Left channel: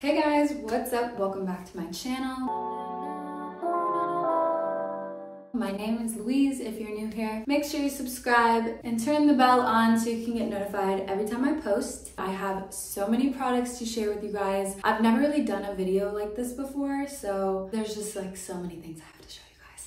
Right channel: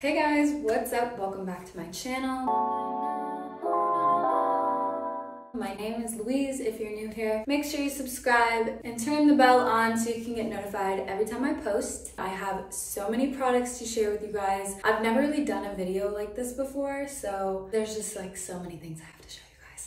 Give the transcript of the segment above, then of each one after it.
Hey guys, what's up? Welcome back to my channel. My name is Louise. If you're new here, make sure you subscribe and turn the bell on so you can get notified every time I post. I have so many products to share with you guys. I've never really done a video like this before, so there's just like so many things I have to show you.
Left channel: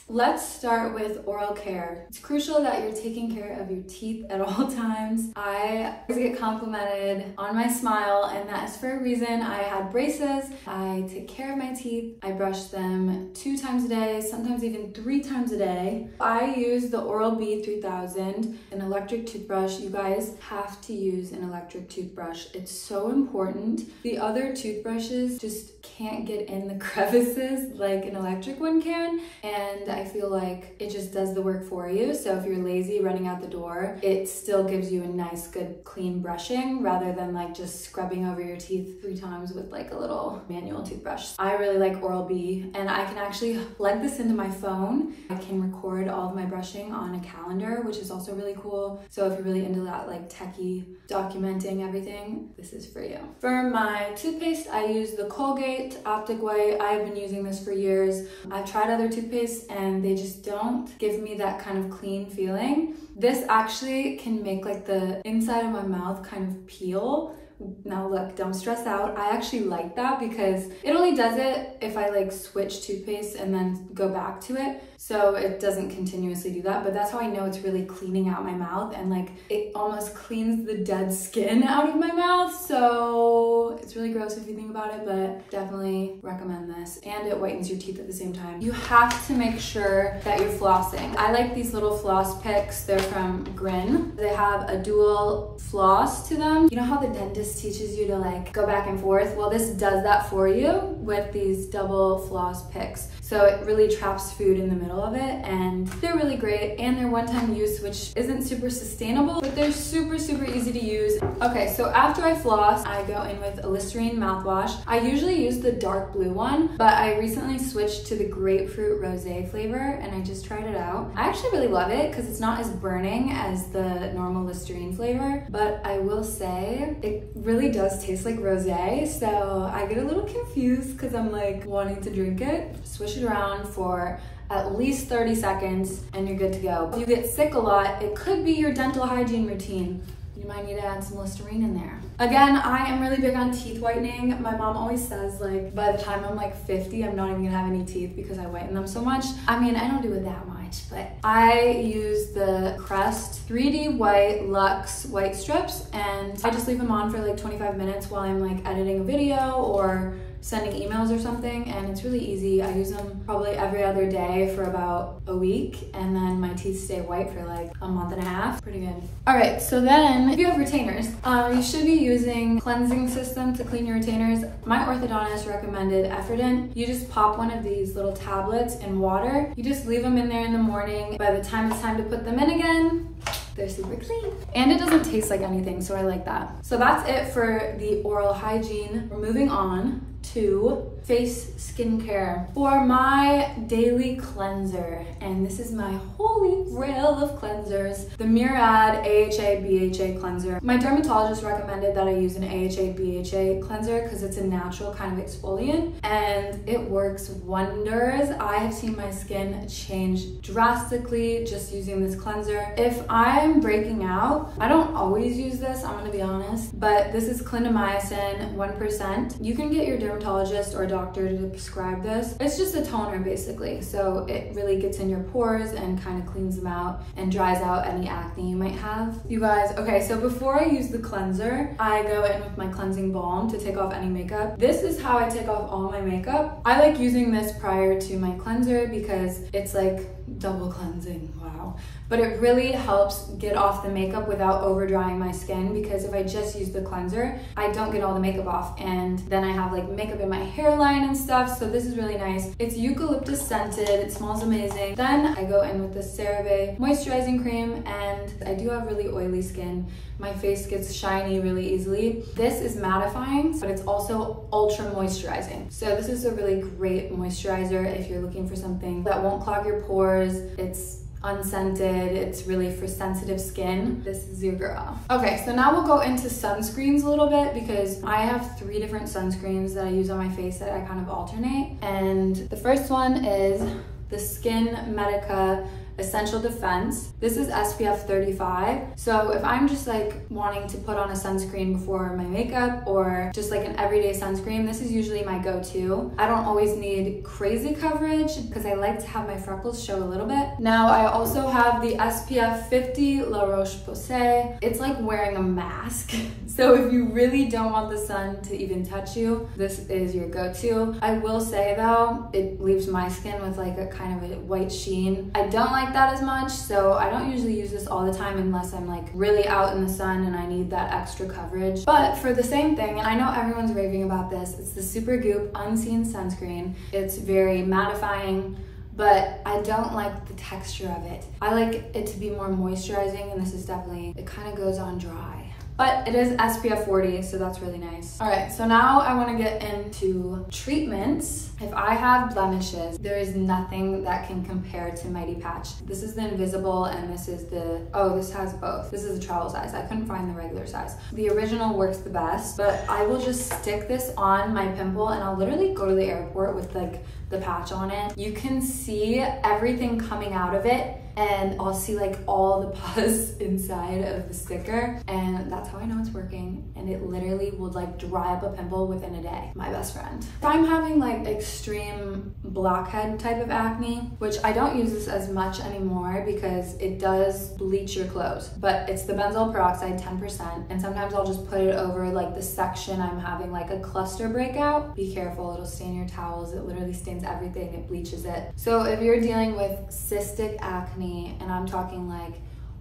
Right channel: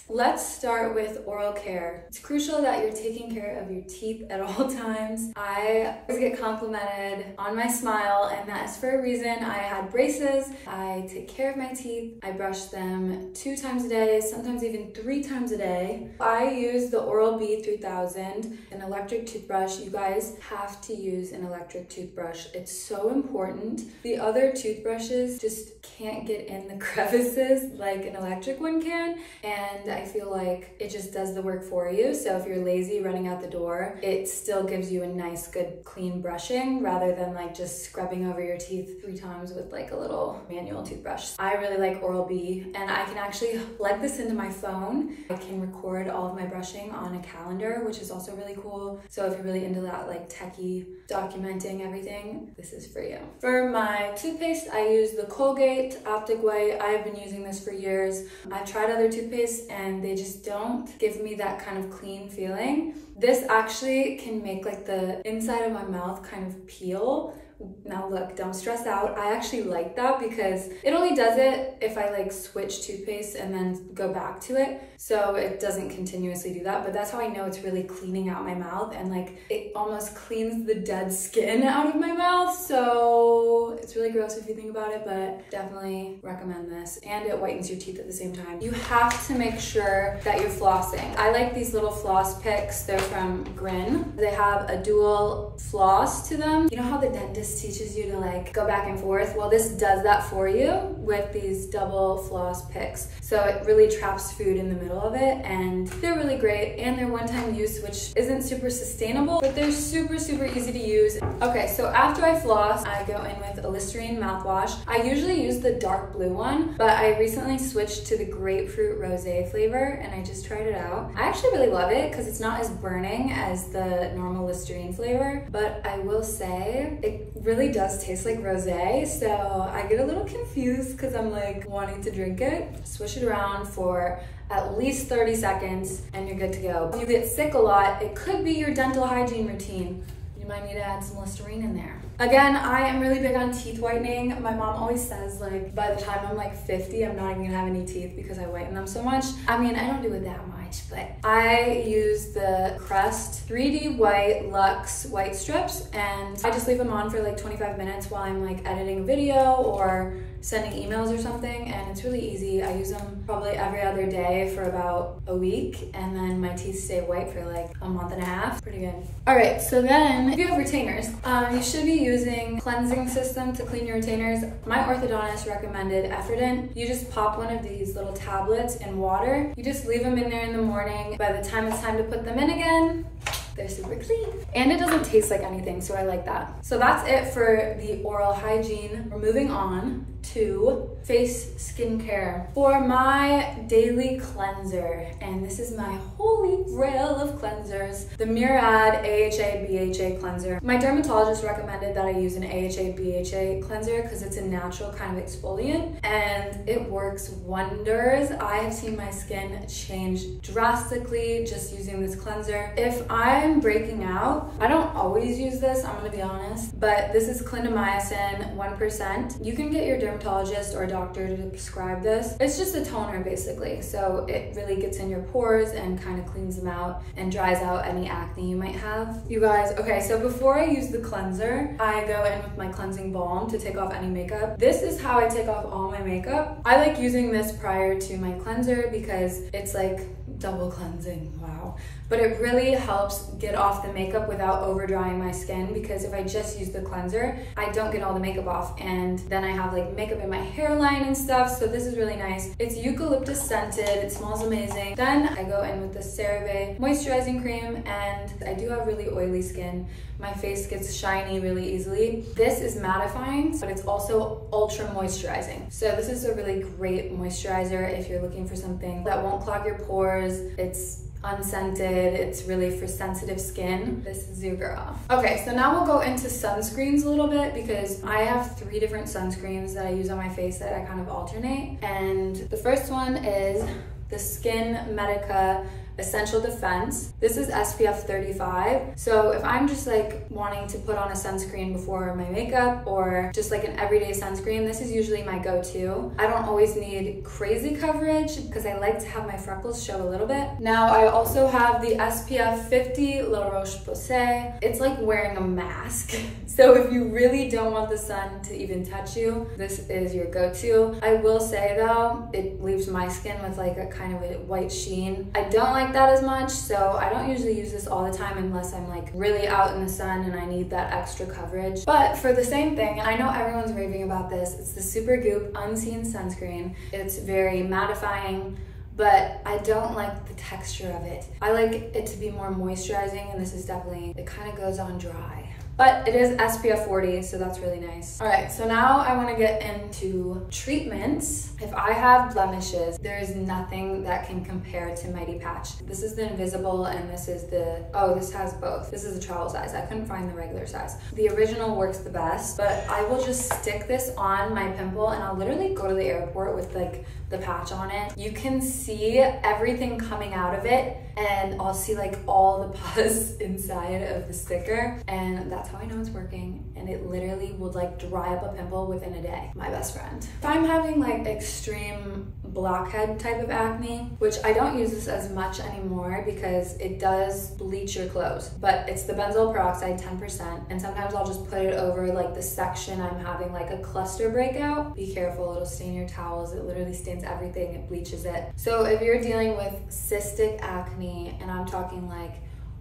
Let's start with oral care. It's crucial that you're taking care of your teeth at all times. I always get complimented on my smile, and that is for a reason. I had braces. I take care of my teeth. I brush them 2 times a day, sometimes even 3 times a day. I use the Oral-B 3000, an electric toothbrush. You guys have to use an electric toothbrush. It's so important. The other toothbrushes just can't get in the crevices like an electric one can, and I feel like it just does the work for you. So if you're lazy running out the door, it still gives you a nice, good, clean brushing rather than like just scrubbing over your teeth 3 times with like a little manual toothbrush. I really like Oral-B, and I can actually plug this into my phone. I can record all of my brushing on a calendar, which is also really cool. So if you're really into that like techie documenting everything, this is for you. For my toothpaste, I use the Colgate Optic White. I've been using this for years. I've tried other toothpaste and they just don't give me that kind of clean feeling. This actually can make like the inside of my mouth kind of peel. Now look, don't stress out. I actually like that because it only does it if I like switch toothpaste and then go back to it. So it doesn't continuously do that, but that's how I know it's really cleaning out my mouth, and like it almost cleans the dead skin out of my mouth. So it's really gross if you think about it, but definitely recommend this. And it whitens your teeth at the same time. You have to make sure that you're flossing. I like these little floss picks. They're from Grin. They have a dual floss to them. You know how the dentist teaches you to like go back and forth? Well, this does that for you with these double floss picks. So it really traps food in the middle of it, and they're really great, and they're one-time use, which isn't super sustainable, but they're super easy to use. Okay, so after I floss, I go in with a Listerine mouthwash. I usually use the dark blue one, but I recently switched to the grapefruit rosé flavor, and I just tried it out. I actually really love it because it's not as burning as the normal Listerine flavor, but I will say it really does taste like rosé, so I get a little confused because I'm like wanting to drink it. Swish it around for at least 30 seconds and you're good to go. If you get sick a lot, it could be your dental hygiene routine. You might need to add some Listerine in there. Again, I am really big on teeth whitening. My mom always says like by the time I'm like 50, I'm not even gonna have any teeth because I whiten them so much. I mean, I don't do it that much, but I use the Crest 3D White Luxe White Strips, and I just leave them on for like 25 minutes while I'm like editing a video or sending emails or something, and it's really easy. I use them probably every other day for about a week, and then my teeth stay white for like a month and a half. Pretty good. All right, so then if you have retainers, you should be using cleansing system to clean your retainers. My orthodontist recommended Effordent. You just pop one of these little tablets in water. You just leave them in there in the morning. By the time it's time to put them in again, they're super clean. And it doesn't taste like anything, so I like that. So that's it for the oral hygiene. We're moving on to face skincare. For my daily cleanser, and this is my holy grail of cleansers, the Murad AHA BHA cleanser. My dermatologist recommended that I use an AHA BHA cleanser because it's a natural kind of exfoliant, and it works wonders. I have seen my skin change drastically just using this cleanser. If I'm breaking out, I don't always use this, I'm gonna be honest, but this is clindamycin 1%. You can get your dermatologist or doctor to prescribe this. It's just a toner basically, so it really gets in your pores and kind of cleans them out and dries out any acne you might have. You guys, okay, so before I use the cleanser, I go in with my cleansing balm to take off any makeup. This is how I take off all my makeup. I like using this prior to my cleanser because it's like double cleansing, wow. But it really helps get off the makeup without over drying my skin, because if I just use the cleanser, I don't get all the makeup off, and then I have like makeup in my hairline and stuff. So this is really nice. It's eucalyptus scented, it smells amazing. Then I go in with the Cerave moisturizing cream, and I do have really oily skin. My face gets shiny really easily. This is mattifying, but it's also ultra moisturizing. So this is a really great moisturizer if you're looking for something that won't clog your pores. It's unscented. It's really for sensitive skin. This is your girl. Okay, so now we'll go into sunscreens a little bit because I have 3 different sunscreens that I use on my face that I kind of alternate. And the first one is the Skin Medica Essential Defense. This is SPF 35. So if I'm just like wanting to put on a sunscreen before my makeup or just like an everyday sunscreen, this is usually my go-to. I don't always need crazy coverage because I like to have my freckles show a little bit. Now I also have the SPF 50 La Roche-Posay. It's like wearing a mask. So if you really don't want the sun to even touch you, this is your go-to. I will say though, it leaves my skin with like a kind of a white sheen. I don't like that as much, so I don't usually use this all the time unless I'm like really out in the sun and I need that extra coverage. But for the same thing, I know everyone's raving about this. It's the Supergoop Unseen Sunscreen. It's very mattifying, but I don't like the texture of it. I like it to be more moisturizing, and this is definitely, it kind of goes on dry. But it is SPF 40, so that's really nice. All right, so now I want to get into treatments. If I have blemishes, there is nothing that can compare to Mighty Patch. This is the invisible, and this is the, oh, this has both. This is the travel size. I couldn't find the regular size. The original works the best, but I will just stick this on my pimple, and I'll literally go to the airport with like the patch on it. You can see everything coming out of it, and I'll see like all the pus inside of the sticker, and that's how I know it's working. And it literally would like dry up a pimple within a day. My best friend. If I'm having like extreme blackhead type of acne, which I don't use this as much anymore because it does bleach your clothes, but it's the Benzoyl Peroxide 10%, and sometimes I'll just put it over like the section I'm having like a cluster breakout. Be careful, it'll stain your towels. It literally stains everything, it bleaches it. So if you're dealing with cystic acne, and I'm talking like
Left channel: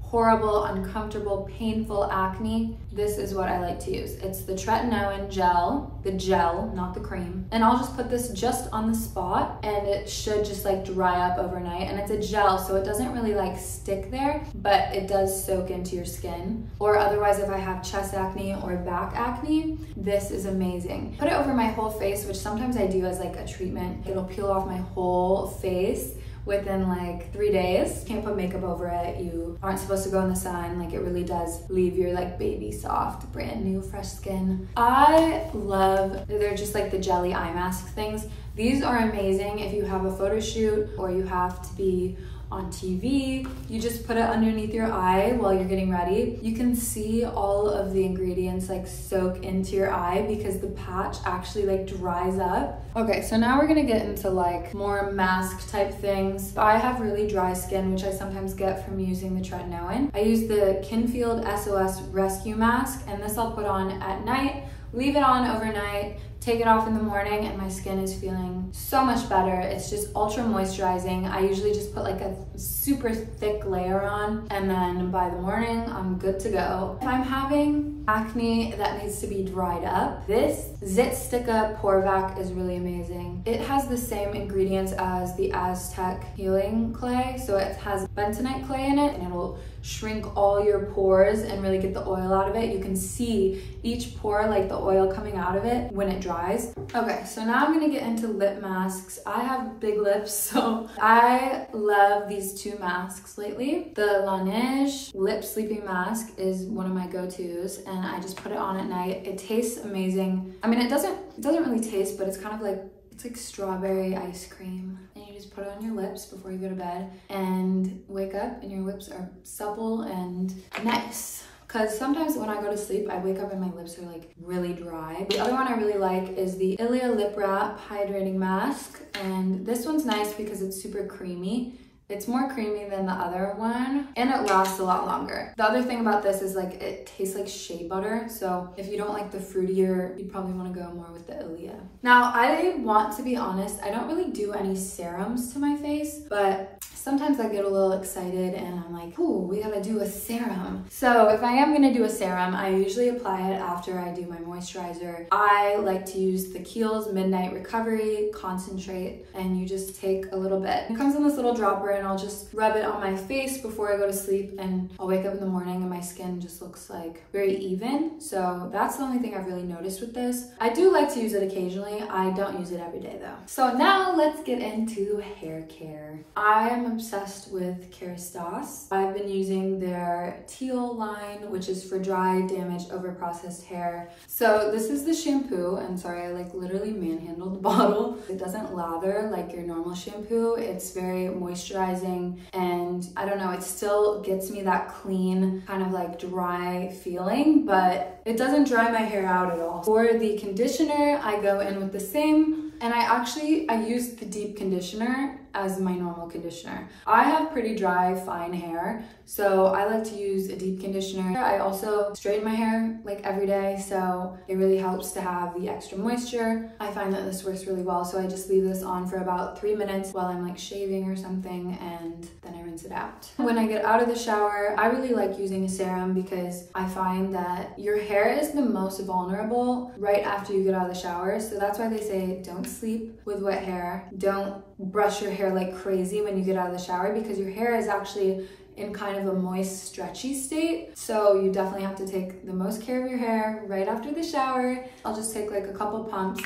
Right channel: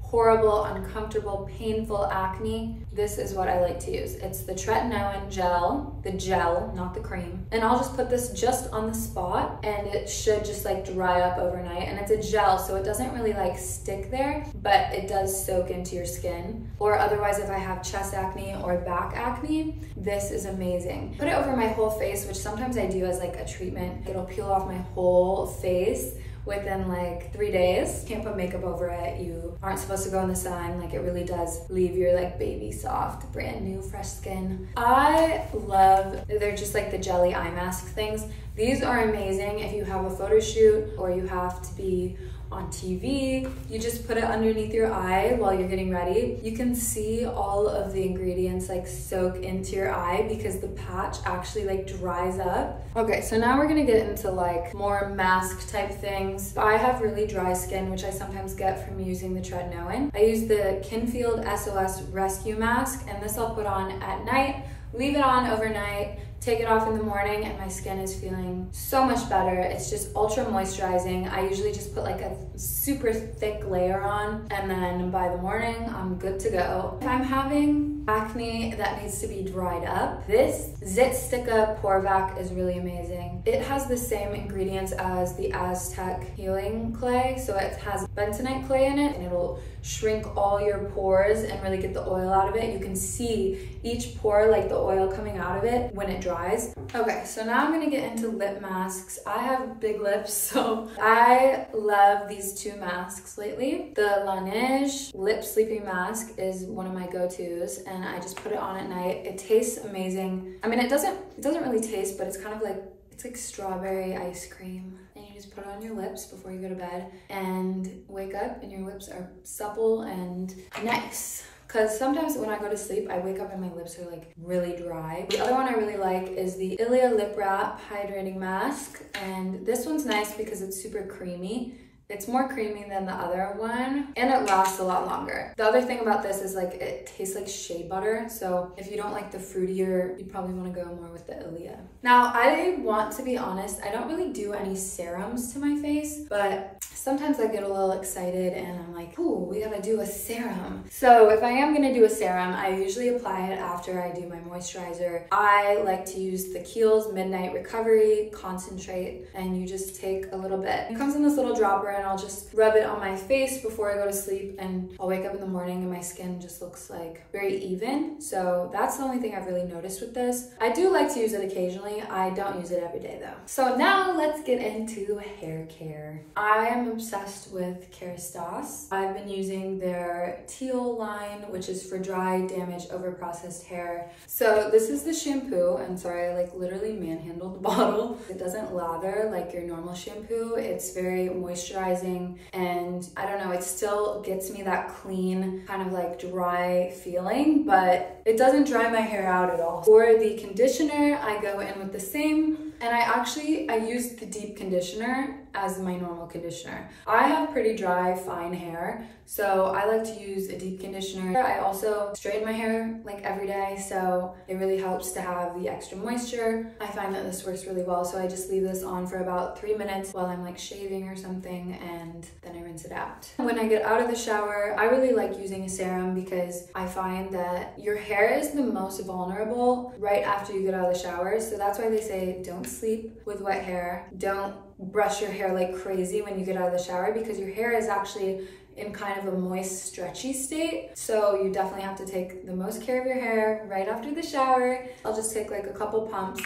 horrible, uncomfortable, painful acne, this is what I like to use. It's the Tretenoin gel, the gel, not the cream. And I'll just put this just on the spot, and it should just like dry up overnight. And it's a gel, so it doesn't really like stick there, but it does soak into your skin. Or otherwise, if I have chest acne or back acne, this is amazing. Put it over my whole face, which sometimes I do as like a treatment. It'll peel off my whole face within like 3 days. Can't put makeup over it. You aren't supposed to go in the sun. Like, it really does leave your like baby soft, brand new, fresh skin. I love, they're just like the jelly eye mask things. These are amazing if you have a photo shoot or you have to be on TV. You just put it underneath your eye while you're getting ready. You can see all of the ingredients like soak into your eye because the patch actually like dries up. Okay, so now we're gonna get into like more mask type things. I have really dry skin, which I sometimes get from using the Tretenoin. I use the Kinfield SOS Rescue Mask, and this I'll put on at night, leave it on overnight, take it off in the morning, and my skin is feeling so much better. It's just ultra moisturizing. I usually just put like a super thick layer on, and then by the morning, I'm good to go. If I'm having acne that needs to be dried up, this Zit Sticka Pore Vac is really amazing. It has the same ingredients as the Aztec Healing Clay, so it has bentonite clay in it, and it'll shrink all your pores and really get the oil out of it. You can see each pore, like the oil coming out of it when it dries. Okay, so now I'm gonna get into lip masks. I have big lips, so I love these 2 masks lately. The Laneige Lip Sleeping Mask is one of my go-tos, and I just put it on at night. It tastes amazing. I mean, it doesn't really taste, but it's kind of like, it's like strawberry ice cream. And you just put it on your lips before you go to bed and wake up and your lips are supple and nice. Because sometimes when I go to sleep, I wake up and my lips are like really dry. The other one I really like is the Ilia Lip Wrap Hydrating Mask. And this one's nice because it's super creamy. It's more creamy than the other one, and it lasts a lot longer. The other thing about this is like it tastes like shea butter, so if you don't like the fruitier, you probably want to go more with the Ilia. Now, I want to be honest, I don't really do any serums to my face, but sometimes I get a little excited and I'm like, ooh, we gotta do a serum. So if I am gonna do a serum, I usually apply it after I do my moisturizer. I like to use the Kiehl's Midnight Recovery Concentrate, and you just take a little bit. It comes in this little dropper, and I'll just rub it on my face before I go to sleep, and I'll wake up in the morning and my skin just looks like very even. So that's the only thing I've really noticed with this. I do like to use it occasionally. I don't use it every day though. So now let's get into hair care. I am obsessed with Kerastase. I've been using their teal line, which is for dry, damaged, overprocessed hair. So this is the shampoo. I'm sorry, I like literally manhandled the bottle. It doesn't lather like your normal shampoo. It's very moisturizing, and I don't know, it still gets me that clean, kind of like dry feeling, but it doesn't dry my hair out at all. For the conditioner, I go in with the same, and I use the deep conditioner as my normal conditioner. I have pretty dry, fine hair, so I like to use a deep conditioner. I also straighten my hair like every day, so it really helps to have the extra moisture. I find that this works really well, so I just leave this on for about 3 minutes while I'm like shaving or something, and then I rinse it out. When I get out of the shower, I really like using a serum because I find that your hair is the most vulnerable right after you get out of the shower. So that's why they say don't sleep with wet hair. Don't brush your hair like crazy when you get out of the shower, because your hair is actually in kind of a moist, stretchy state. So you definitely have to take the most care of your hair right after the shower. I'll just take like a couple pumps,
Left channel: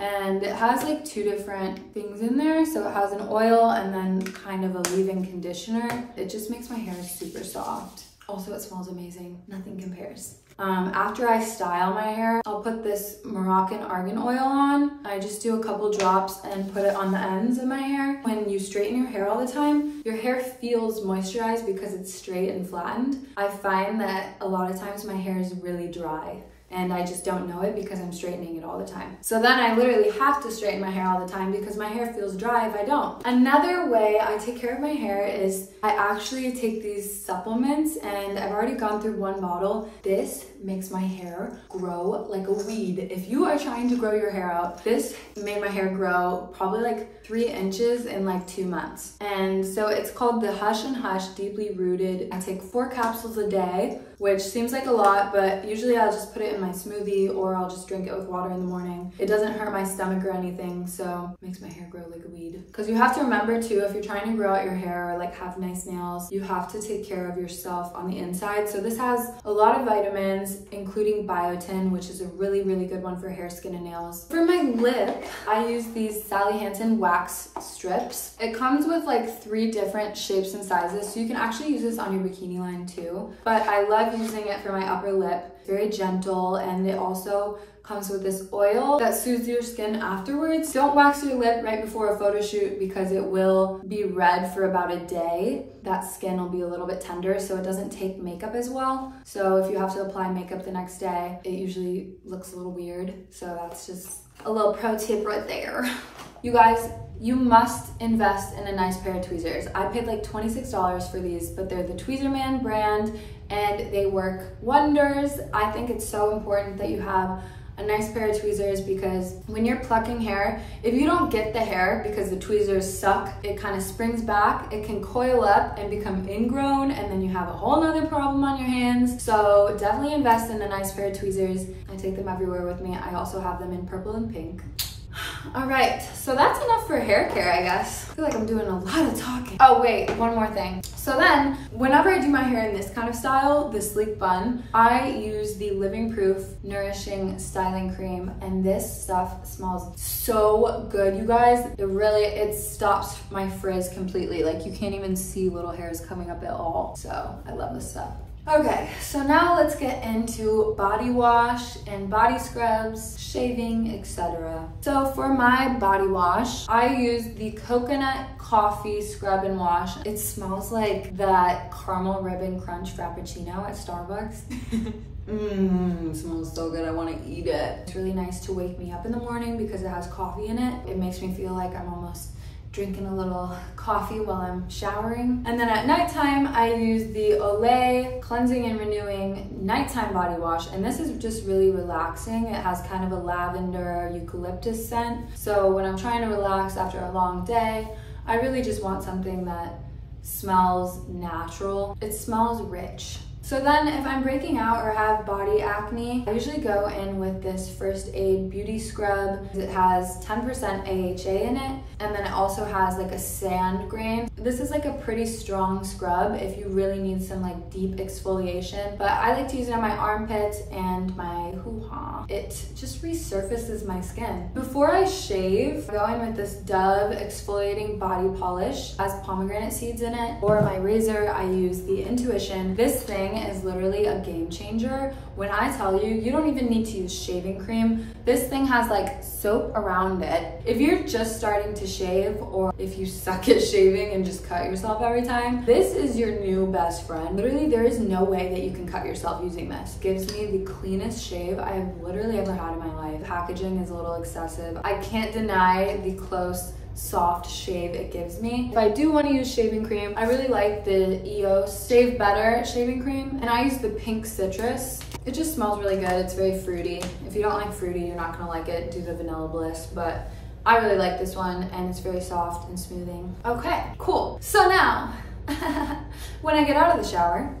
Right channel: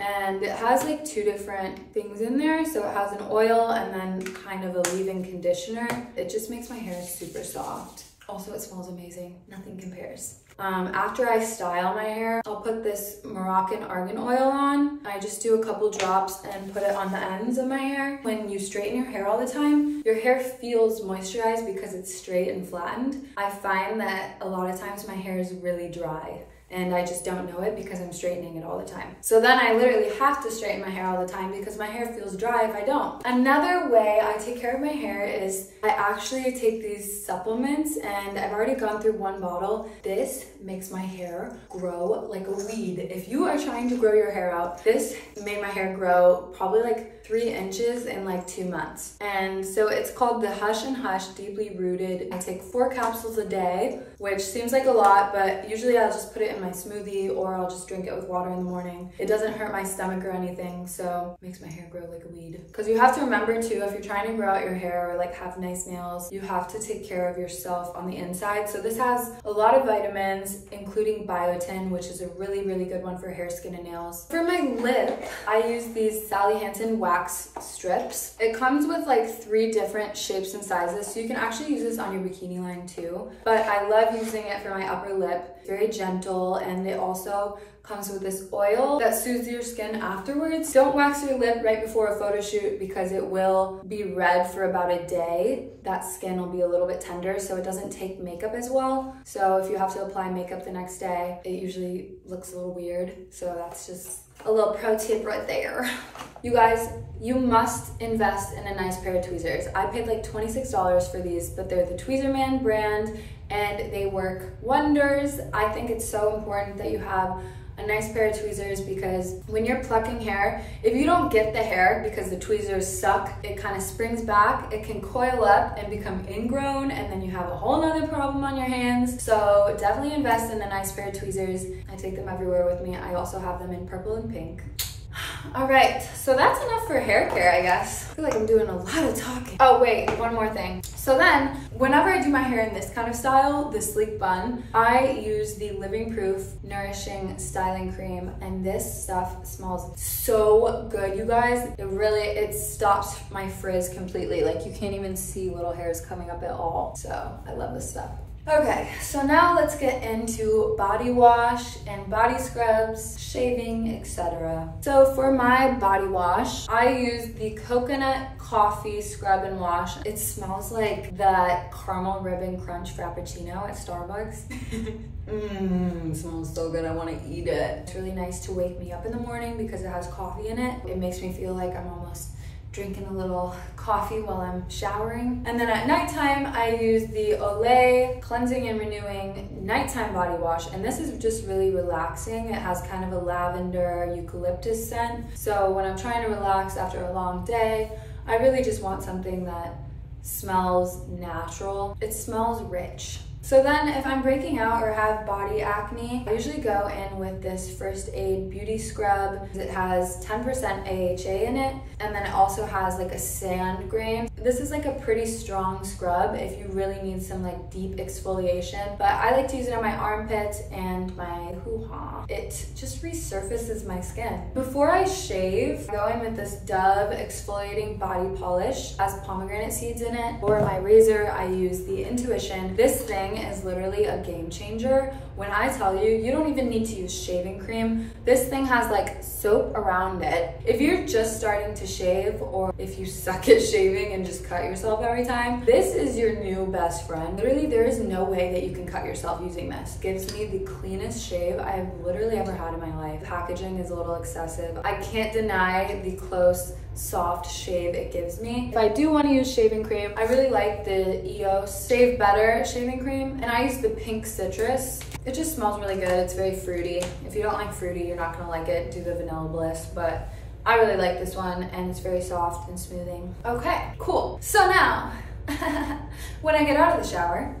and it has like 2 different things in there. So it has an oil and then kind of a leave-in conditioner. It just makes my hair super soft. Also, it smells amazing. Nothing compares. After I style my hair, I'll put this Moroccan Argan Oil on. I just do a couple drops and put it on the ends of my hair. When you straighten your hair all the time, your hair feels moisturized because it's straight and flattened. I find that a lot of times my hair is really dry, and I just don't know it because I'm straightening it all the time. So then I literally have to straighten my hair all the time because my hair feels dry if I don't. Another way I take care of my hair is I actually take these supplements, and I've already gone through 1 bottle. This makes my hair grow like a weed. If you are trying to grow your hair out, this made my hair grow probably like 3 inches in like 2 months. And so it's called the Hush and Hush Deeply Rooted. I take 4 capsules a day, which seems like a lot, but usually I'll just put it in my smoothie, or I'll just drink it with water in the morning. It doesn't hurt my stomach or anything, so it makes my hair grow like a weed. Because you have to remember too, if you're trying to grow out your hair or like have nice nails, you have to take care of yourself on the inside. So this has a lot of vitamins, including biotin, which is a really, really good one for hair, skin, and nails. For my lip, I use these Sally Hansen wax strips. It comes with like 3 different shapes and sizes, so you can actually use this on your bikini line too. But I love using it for my upper lip. Very gentle, and it also comes with this oil that soothes your skin afterwards. Don't wax your lip right before a photo shoot because it will be red for about a day. That skin will be a little bit tender, so it doesn't take makeup as well. So if you have to apply makeup the next day, it usually looks a little weird. So that's just a little pro tip right there. You guys, you must invest in a nice pair of tweezers. I paid like $26 for these, but they're the Tweezerman brand, and they work wonders. I think it's so important that you have a nice pair of tweezers, because when you're plucking hair, if you don't get the hair because the tweezers suck, it kind of springs back, it can coil up and become ingrown, and then you have a whole nother problem on your hands. So definitely invest in a nice pair of tweezers. I take them everywhere with me. I also have them in purple and pink. All right, so that's enough for hair care, I guess. I feel like I'm doing a lot of talking. Oh wait, one more thing. So then, whenever I do my hair in this kind of style, the sleek bun, I use the Living Proof Nourishing Styling Cream, and this stuff smells so good, you guys. It stops my frizz completely. Like, you can't even see little hairs coming up at all. So I love this stuff. Okay, so now let's get into body wash and body scrubs, shaving, etc. So for my body wash, I use the Coconut Coffee Scrub and Wash. It smells like that caramel ribbon crunch frappuccino at Starbucks. Smells so good, I want to eat it. It's really nice to wake me up in the morning because it has coffee in it. It makes me feel like I'm almost drinking a little coffee while I'm showering. And then at nighttime, I use the Olay Cleansing and Renewing Nighttime Body Wash. And this is just really relaxing. It has kind of a lavender eucalyptus scent. So when I'm trying to relax after a long day, I really just want something that smells natural. It smells rich. So then if I'm breaking out or have body acne, I usually go in with this First Aid Beauty Scrub. It has 10% AHA in it, and then it also has like a sand grain. This is like a pretty strong scrub if you really need some like deep exfoliation, but I like to use it on my armpits and my hoo-ha. It just resurfaces my skin. Before I shave, I go in with this Dove exfoliating body polish. It has pomegranate seeds in it. For my razor, I use the Intuition. This thing is literally a game changer. When I tell you, you don't even need to use shaving cream. This thing has like soap around it. If you're just starting to shave, or if you suck at shaving and just cut yourself every time, this is your new best friend. Literally, there is no way that you can cut yourself using this. It gives me the cleanest shave I have literally ever had in my life. Packaging is a little excessive. I can't deny the close, soft shave it gives me. If I do want to use shaving cream, I really like the EOS Shave Better shaving cream, and I use the Pink Citrus. It just smells really good. It's very fruity. If you don't like fruity, you're not gonna like it. Do the Vanilla Bliss, but I really like this one, and it's very soft and smoothing. Okay, cool. So now, when I get out of the shower,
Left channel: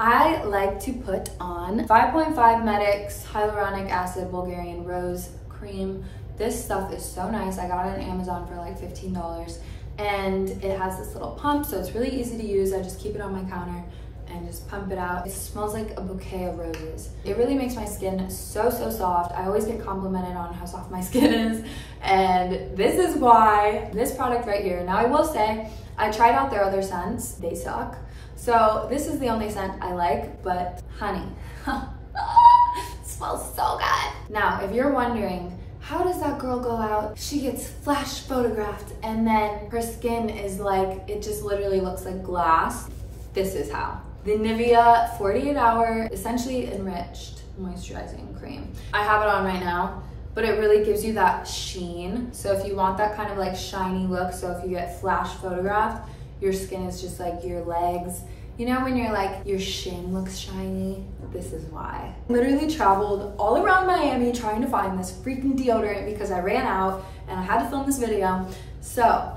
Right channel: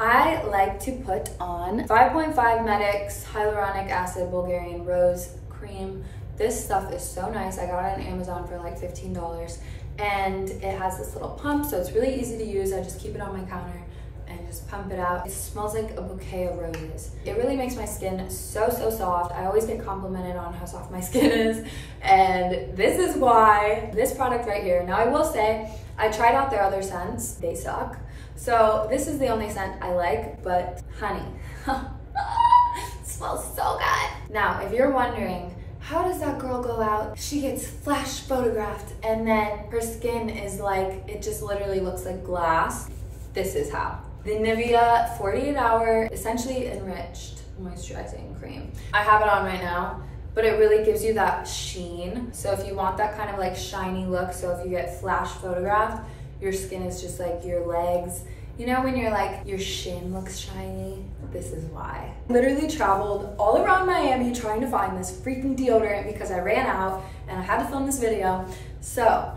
I like to put on 5.5 Medix Hyaluronic Acid Bulgarian Rose Cream. This stuff is so nice. I got it on Amazon for like $15, and it has this little pump, so it's really easy to use. I just keep it on my counter and just pump it out. It smells like a bouquet of roses. It really makes my skin so soft. I always get complimented on how soft my skin is, and this is why this product right here. Now I will say, I tried out their other scents. They suck. So this is the only scent I like, but honey, it smells so good. Now, if you're wondering, how does that girl go out? She gets flash photographed and then her skin is like, it just literally looks like glass. This is how. The Nivea 48 Hour Essentially Enriched Moisturizing Cream. I have it on right now, but it really gives you that sheen. So if you want that kind of like shiny look, so if you get flash photographed, your skin is just like your legs. You know when you're like, your shin looks shiny? This is why. Literally traveled all around Miami trying to find this freaking deodorant because I ran out and I had to film this video. So,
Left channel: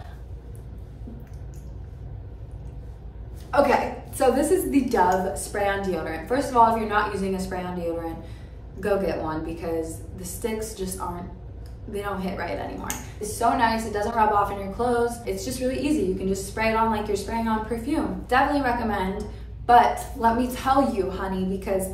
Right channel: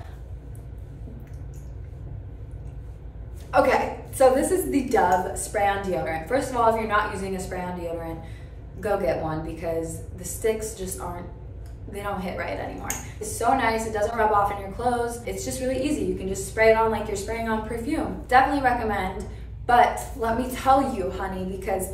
okay, so this is the Dove spray-on deodorant. First of all, if you're not using a spray-on deodorant, go get one because the sticks just aren't, they don't hit right anymore. It's so nice, it doesn't rub off in your clothes. It's just really easy. You can just spray it on like you're spraying on perfume. Definitely recommend, but let me tell you, honey, because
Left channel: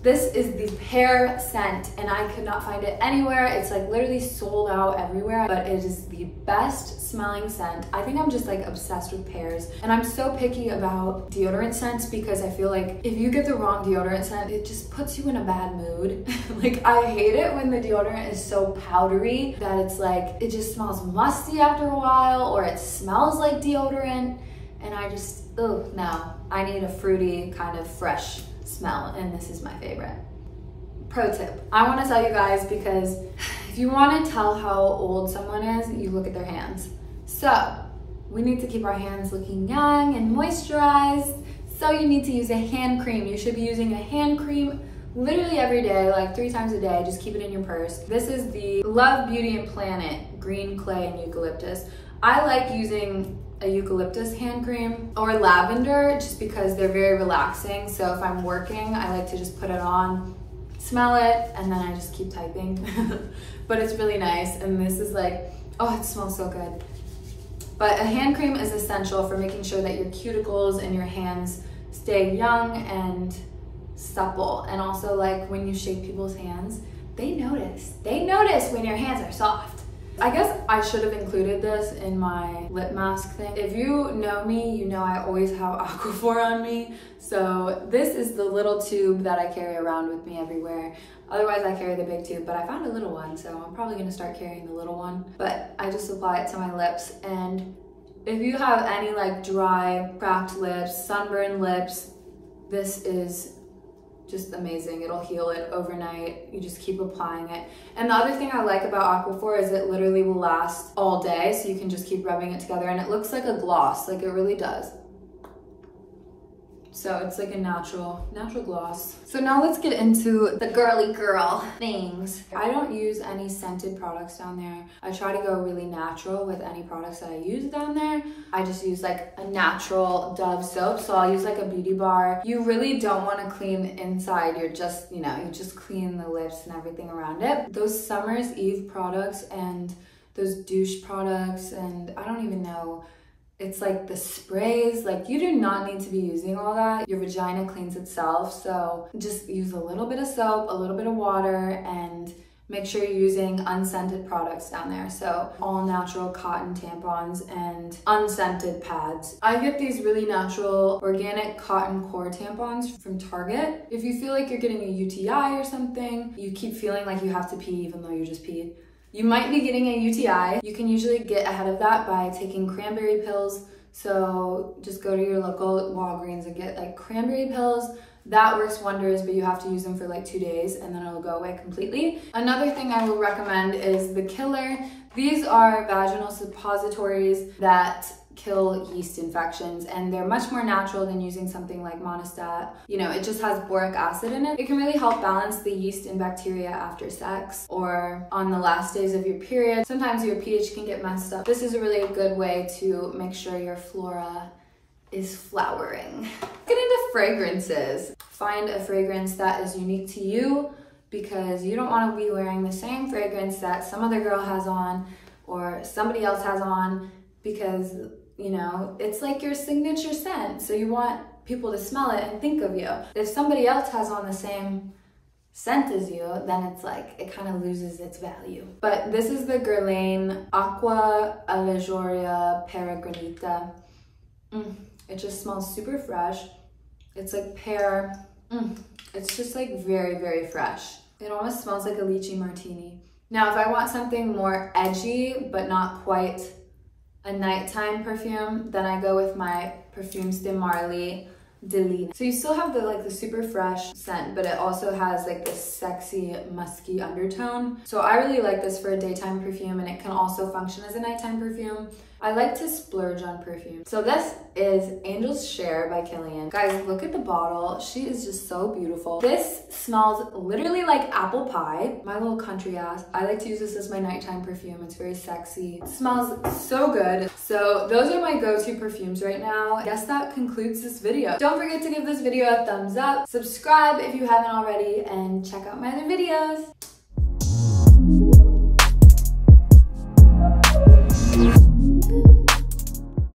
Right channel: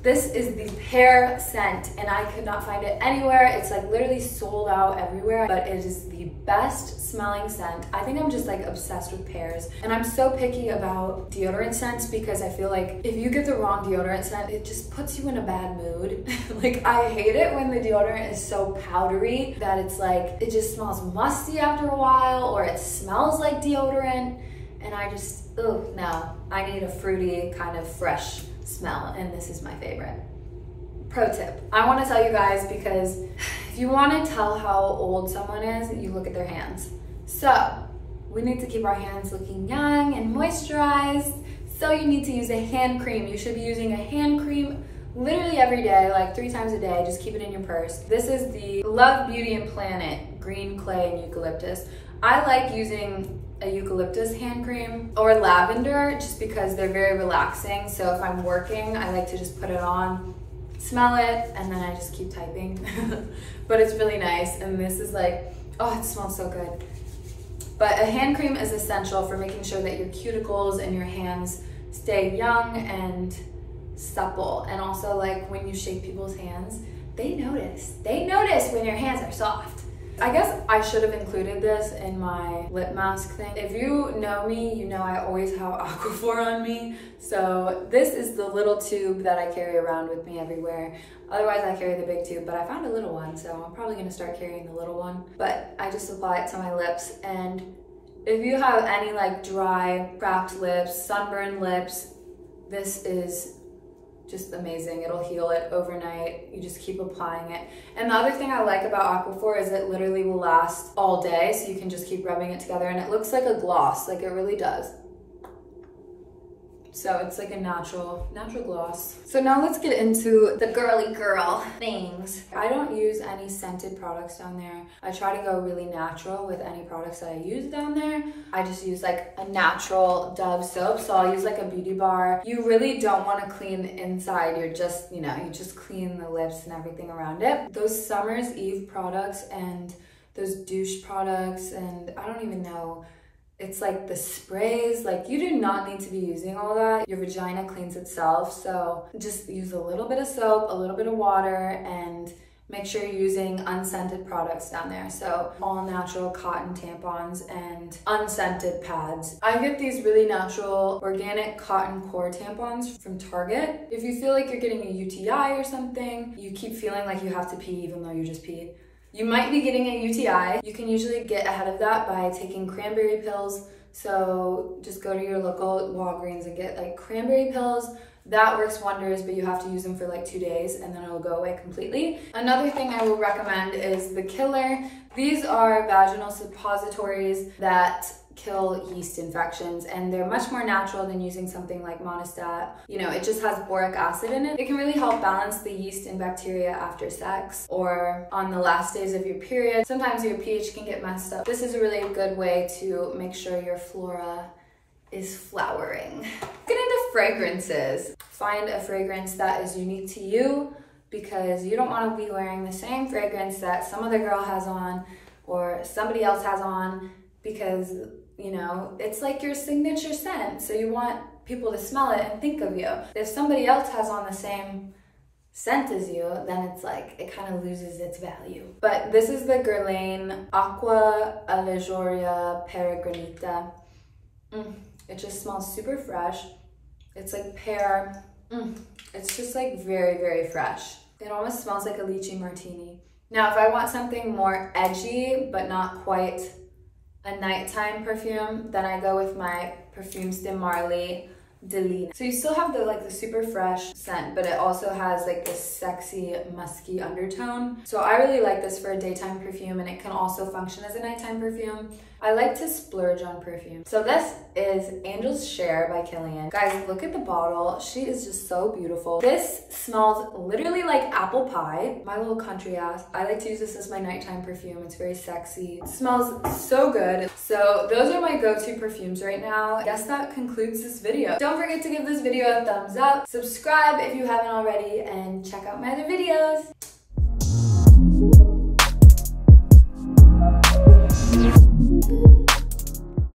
this is the pear scent and I could not find it anywhere. It's like literally sold out everywhere, but it is the best smelling scent. I think I'm just like obsessed with pears, and I'm so picky about deodorant scents because I feel like if you get the wrong deodorant scent, it just puts you in a bad mood. Like I hate it when the deodorant is so powdery that it's like, it just smells musty after a while, or it smells like deodorant, and I just, oh no, I need a fruity kind of fresh smell, and this is my favorite. Pro tip, I want to tell you guys, because if you want to tell how old someone is, you look at their hands. So we need to keep our hands looking young and moisturized, so you need to use a hand cream. You should be using a hand cream literally every day, like 3 times a day. Just keep it in your purse. This is the Love Beauty and Planet Green Clay and Eucalyptus. I like using a eucalyptus hand cream or lavender just because they're very relaxing. So if I'm working, I like to just put it on, smell it, and then I just keep typing. But it's really nice, and this is like, oh, it smells so good. But a hand cream is essential for making sure that your cuticles and your hands stay young and supple. And also, like, when you shake people's hands, they notice. They notice when your hands are soft. I guess I should have included this in my lip mask thing. If you know me, you know I always have Aquaphor on me. So this is the little tube that I carry around with me everywhere. Otherwise I carry the big tube, but I found a little one, so I'm probably gonna start carrying the little one. But I just apply it to my lips, and if you have any like dry, cracked lips, sunburned lips, this is just amazing. It'll heal it overnight. You just keep applying it. And the other thing I like about Aquaphor is it literally will last all day, so you can just keep rubbing it together, and it looks like a gloss, like it really does. So it's like a natural gloss. So now let's get into the girly girl things. I don't use any scented products down there. I try to go really natural with any products that I use down there. I just use like a natural Dove soap. So I'll use like a beauty bar. You really don't want to clean the inside. You're just, you know, you just clean the lips and everything around it. Those Summer's Eve products and those douche products, and I don't even know, it's like the sprays, like you do not need to be using all that. Your vagina cleans itself, so just use a little bit of soap, a little bit of water, and make sure you're using unscented products down there. So all natural cotton tampons and unscented pads. I get these really natural organic cotton core tampons from Target. If you feel like you're getting a UTI or something, you keep feeling like you have to pee even though you just peed, you might be getting a UTI. You can usually get ahead of that by taking cranberry pills. So just go to your local Walgreens and get like cranberry pills. That works wonders, but you have to use them for like 2 days and then it'll go away completely. Another thing I will recommend is the Killer. These are vaginal suppositories that kill yeast infections, and they're much more natural than using something like Monistat. You know, it just has boric acid in it. It can really help balance the yeast and bacteria after sex or on the last days of your period. Sometimes your pH can get messed up. This is a really good way to make sure your flora is flowering. Get into fragrances. Find a fragrance that is unique to you, because you don't want to be wearing the same fragrance that some other girl has on or somebody else has on, because you know, it's like your signature scent. So you want people to smell it and think of you. If somebody else has on the same scent as you, then it's like, it kind of loses its value. But this is the Guerlain Aqua Allegoria Peregrinita. It just smells super fresh. It's like pear. It's just like very, very fresh. It almost smells like a lychee martini. Now, if I want something more edgy, but not quite a nighttime perfume, then I go with my Parfums de Marly Delina. So you still have the super fresh scent, but it also has like this sexy musky undertone. So I really like this for a daytime perfume, and it can also function as a nighttime perfume. I like to splurge on perfume. So this is Angel's Share by Kilian. Guys, look at the bottle. She is just so beautiful. This smells literally like apple pie. My little country ass. I like to use this as my nighttime perfume. It's very sexy. It smells so good. So those are my go-to perfumes right now. I guess that concludes this video. Don't forget to give this video a thumbs up. Subscribe if you haven't already, and check out my other videos.